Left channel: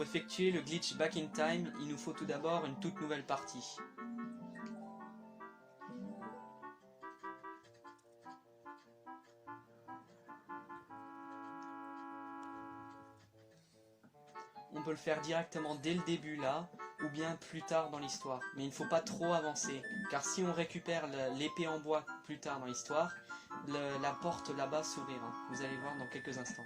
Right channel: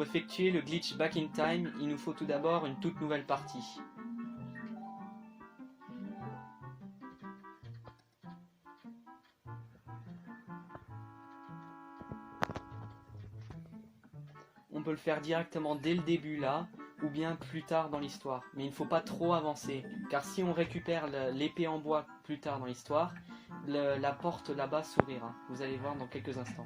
Pour effectuer le glitch Back in Time, il nous faut tout d'abord une toute nouvelle partie. On peut le faire directement dès le début là, ou bien plus tard dans l'histoire. Mais il ne faut pas trop avancer, car si on récupère l'épée en bois plus tard dans l'histoire, la porte là-bas s'ouvrira. Vous allez voir dans quelques instants.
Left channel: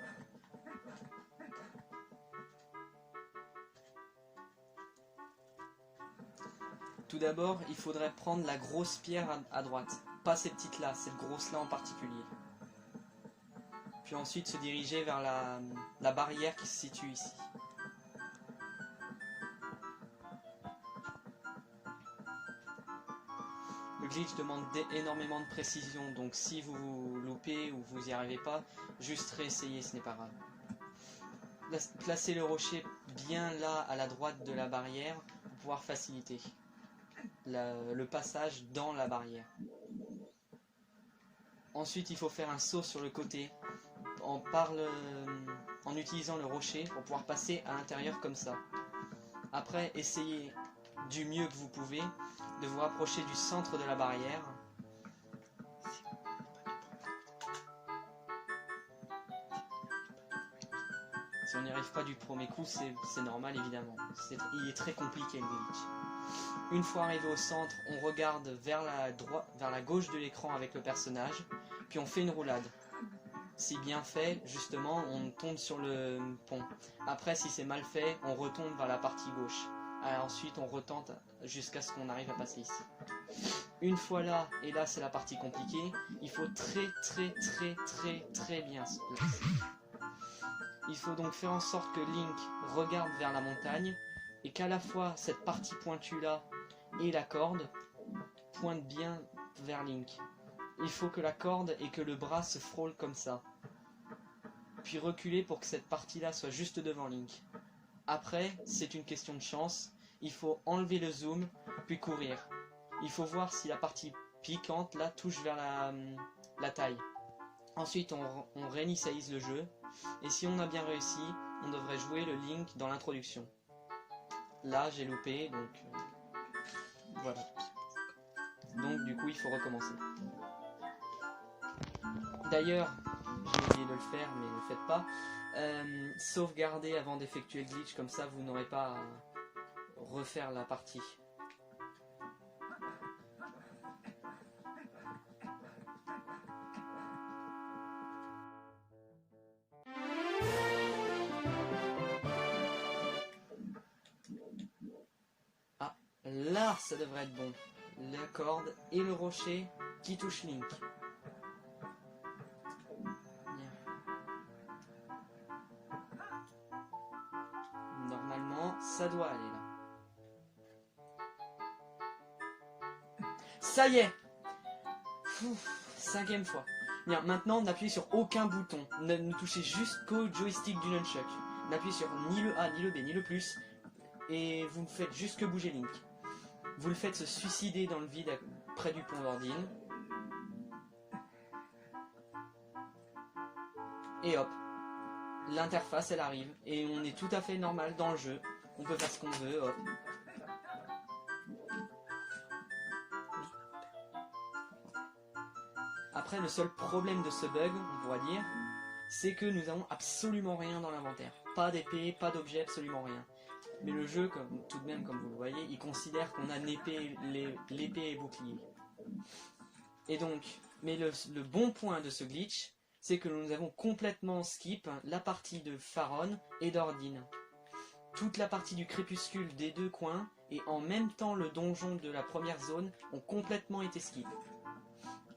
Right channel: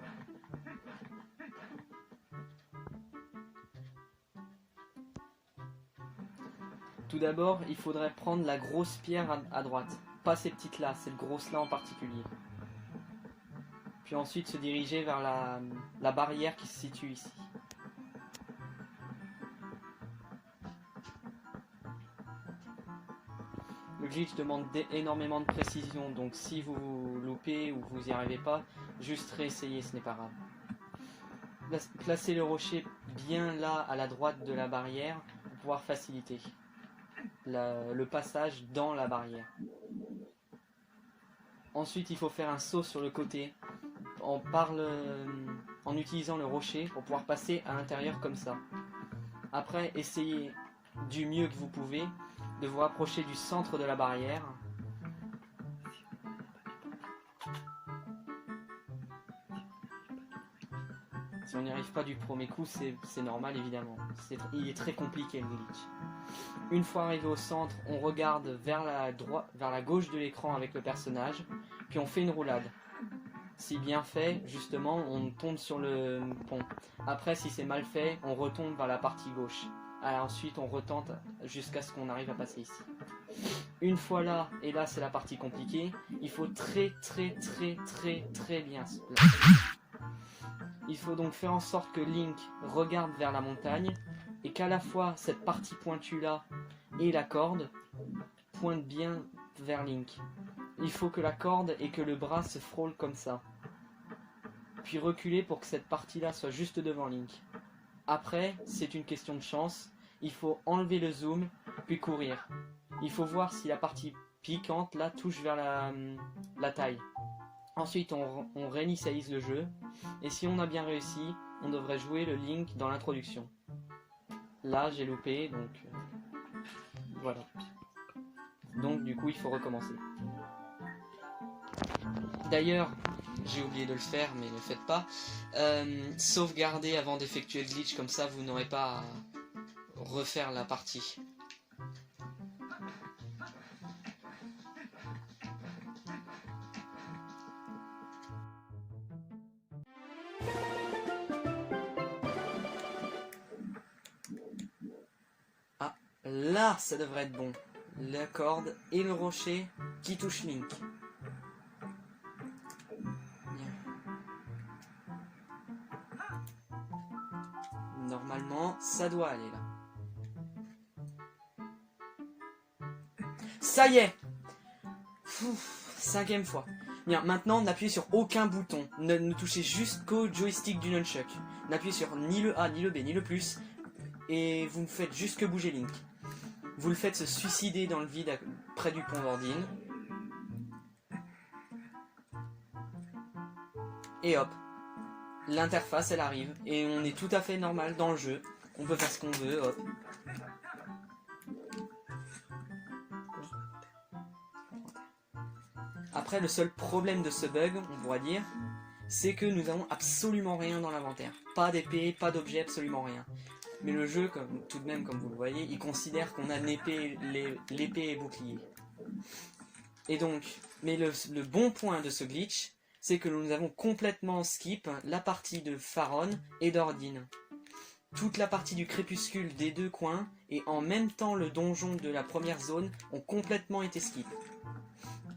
Tout d'abord, il faudrait prendre la grosse pierre à droite. Pas ces petites là, cette grosse là en particulier. Puis ensuite se diriger vers la barrière qui se situe ici. Le glitch demande énormément de précision, donc si vous loupez ou vous n'y arrivez pas, juste réessayez, ce n'est pas grave. Placez le rocher bien là à la droite de la barrière pour pouvoir faciliter le passage dans la barrière. Ensuite, il faut faire un saut sur le côté en utilisant le rocher pour pouvoir passer à l'intérieur comme ça. Après, essayez du mieux que vous pouvez de vous rapprocher du centre de la barrière. Si on n'y arrive pas du premier coup, c'est normal évidemment. Il est très compliqué le glitch. Une fois arrivé au centre, on regarde vers la gauche de l'écran avec le personnage, puis on fait une roulade. Si bien fait, justement, on tombe sur le pont. Après, si c'est mal fait, on retombe vers la partie gauche. Alors ensuite, on retente jusqu'à ce qu'on arrive à passer ici. Une fois là, et là c'est la partie compliquée, il faut très bien se placer. Il faut donc faire en sorte que Link regarde vers la montagne et qu'à la fois cette partie pointue là et la corde pointent bien vers Link. Il faut que la corde et que le bras se frôlent comme ça. Puis reculer pour que cette partie là soit juste devant Link. Après, c'est une question de chance. Il faut enlever le zoom, puis courir. Il faut voir si la partie piquante là touche vers la taille. Ensuite, on réinitialise le jeu. Et si on a bien réussi, on devrait jouer le Link dans l'introduction. Là, j'ai loupé, donc voilà. Donc du coup, il faut recommencer. D'ailleurs, j'ai oublié de le faire, mais ne le faites pas. Sauvegardez avant d'effectuer le glitch, comme ça vous n'aurez pas à refaire la partie. Ah, là ça devrait être bon. La corde et le rocher qui touchent Link. Normalement, ça doit aller là. Ça y est! 5e fois. Bien, maintenant n'appuyez sur aucun bouton. Ne touchez juste qu'au joystick du nunchuck. N'appuyez sur ni le A, ni le B, ni le plus. Et vous ne faites juste que bouger Link. Vous le faites se suicider dans le vide près du pont d'Ordine. Et hop. L'interface elle arrive. Et on est tout à fait normal dans le jeu. On peut faire ce qu'on veut, hop. Après, le seul problème de ce bug, on pourra dire, c'est que nous avons absolument rien dans l'inventaire. Pas d'épée, pas d'objet, absolument rien. Mais le jeu, tout de même, comme vous le voyez, il considère qu'on a l'épée et bouclier. Et donc, mais le bon point de ce glitch, c'est que nous avons complètement skip la partie de Faron et d'Ordine. Toute la partie du crépuscule des deux coins et en même temps le donjon de la première zone ont complètement été skip.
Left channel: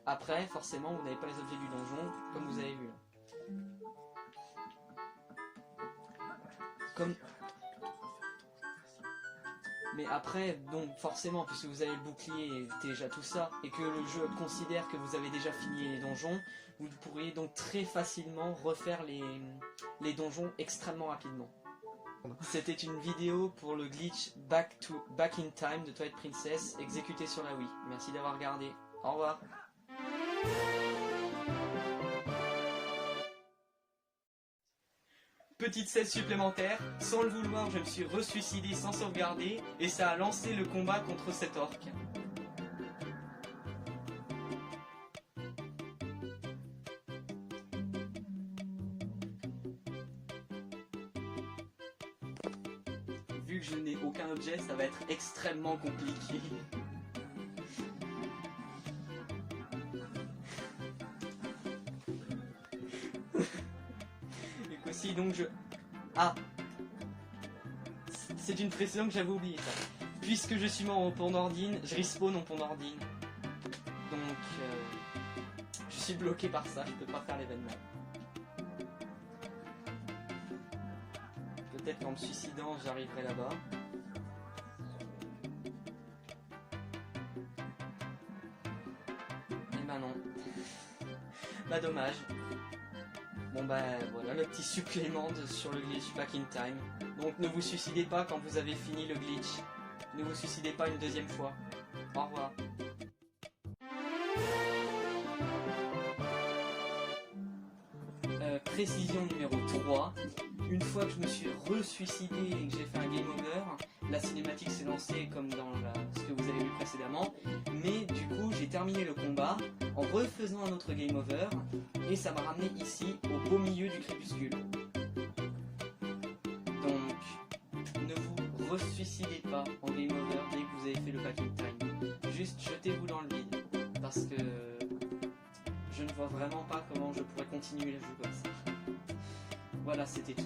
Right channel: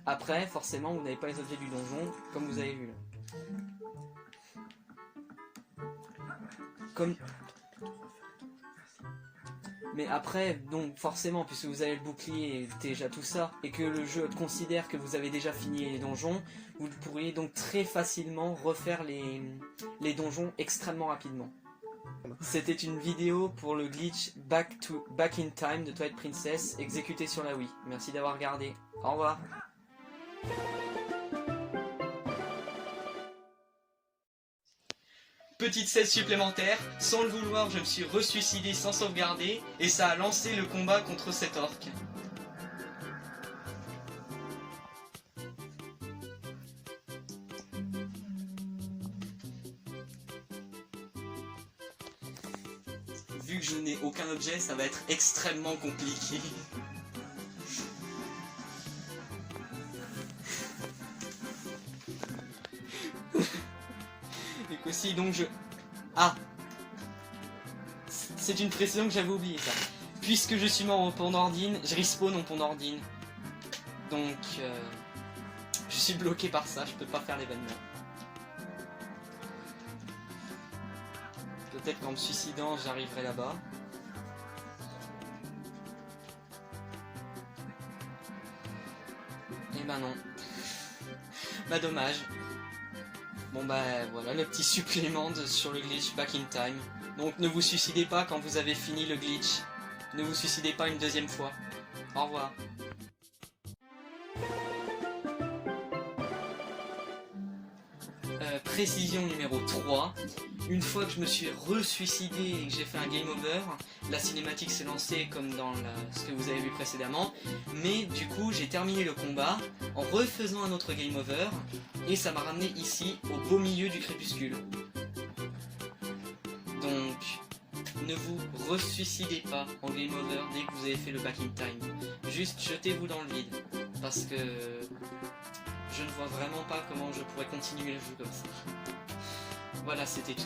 Après, forcément, vous n'avez pas les objets du donjon, comme vous avez vu là. Mais après, donc forcément, puisque vous avez le bouclier et déjà tout ça, et que le jeu considère que vous avez déjà fini les donjons, vous pourriez donc très facilement refaire les donjons extrêmement rapidement. C'était une vidéo pour le glitch Back in Time de Twilight Princess exécuté sur la Wii. Merci d'avoir regardé. Au revoir. petite scène supplémentaire. Sans le vouloir, je me suis ressuicidé sans sauvegarder et ça a lancé le combat contre cet orc. Vu que je n'ai aucun objet, ça va être extrêmement compliqué. Et aussi donc je... Ah, c'est une précision que j'avais oublié ça. Puisque je suis mort au pont d'Ordine, je respawn au pont d'Ordine. Donc je suis bloqué par ça, je peux pas faire l'événement. Peut-être qu'en me suicidant, j'arriverai là-bas. Et bah non. Bah dommage. Bon bah voilà le petit supplément sur le glitch Back in Time. Donc ne vous suicidez pas quand vous avez fini le glitch. Ne vous suicidez pas une deuxième fois. Au revoir. Précision numéro 3. Une fois que je me suis re-suicidé et que j'ai fait un game over, la cinématique s'est lancée comme dans ce que vous avez vu précédemment, mais du coup j'ai terminé le combat en refaisant un autre game over et ça m'a ramené ici au beau milieu du crépuscule. Donc ne vous re-suicidez pas en game over dès que vous avez fait le back in time, juste jetez-vous dans le vide parce que je ne vois vraiment pas comment je pourrais continuer le jeu comme ça. Voilà, c'était tout.